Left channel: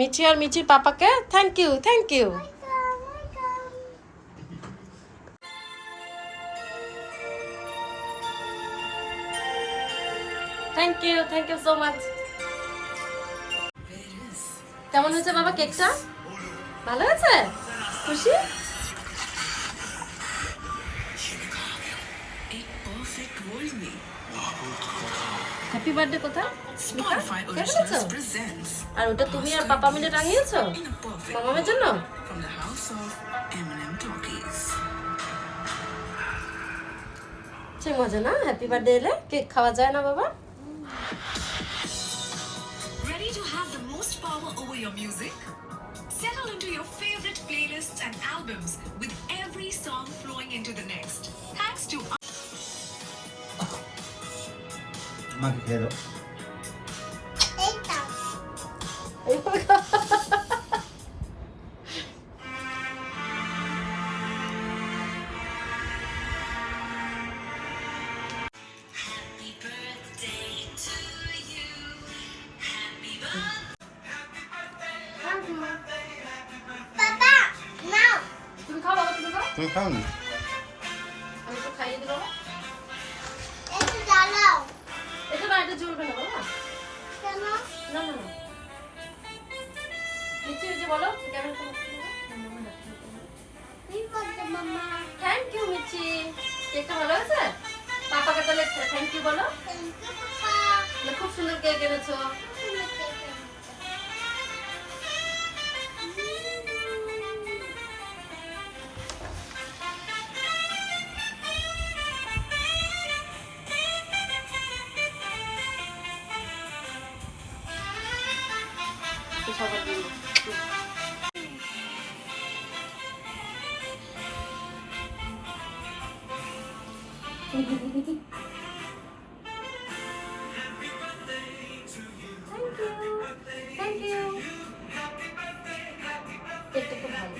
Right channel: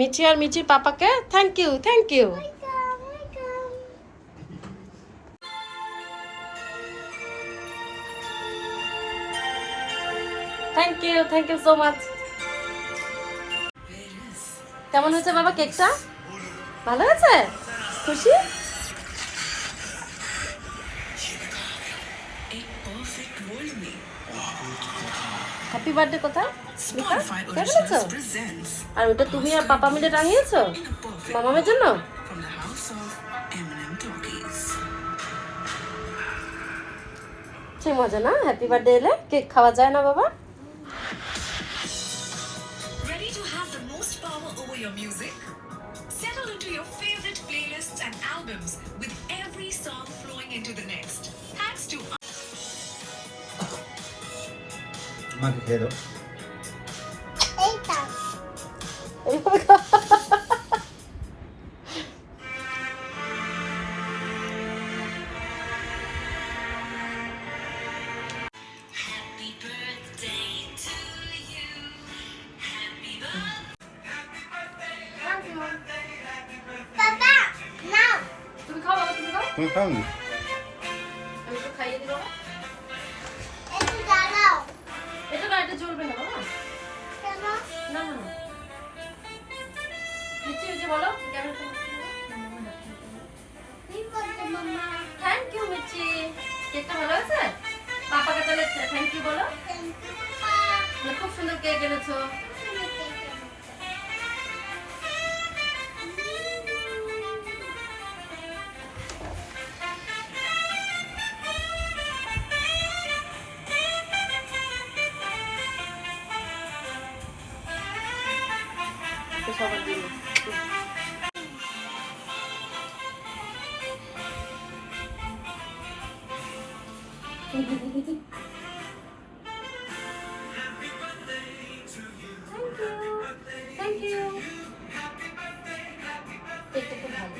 মিচি আর মিচির পাপাকে thank you thank you. Thank you so much. কেমন হয়েছে বাবা কেকটা? ভালো হয়েছে? খুশি? হ্যাপি বার্থডে কোথায়? আর ওটা তুমি আর পাপা মিলে টাঙিয়েছো মামামের জন্য? সে মজা না, হ্যাপি বার্থডে এলে কেক খাওয়া যায় না বাবা? Ready to have the most power over your music? Settle into your favorite playlists and albums with every song flowing into the next. Thanks to মাকে খেয়ে দাও। Happy birthday to you. Happy Papa, now. তুমি খাও বাবা, তুমি খাও। তুমি খাও না? আমি তো খাইয়ে দিল। একটু জ্বালাও। এটা না, এটা জ্বলবে না বাবা। কেন? না না না। নিচে ওই যে বলো ক্যামেরা। কি করছো মামা? থ্যাংক ইউ মিচি। কেকটা ভালো হয়েছে? পাপাকে তাহলে থ্যাংক ইউ বলো। Thank you, Papa. খুব সুন্দর কেক এনেছো। সবার জন্য। Thank you. কেকটা খুব ভালো।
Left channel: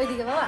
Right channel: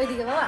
ওইদিকে বাবা।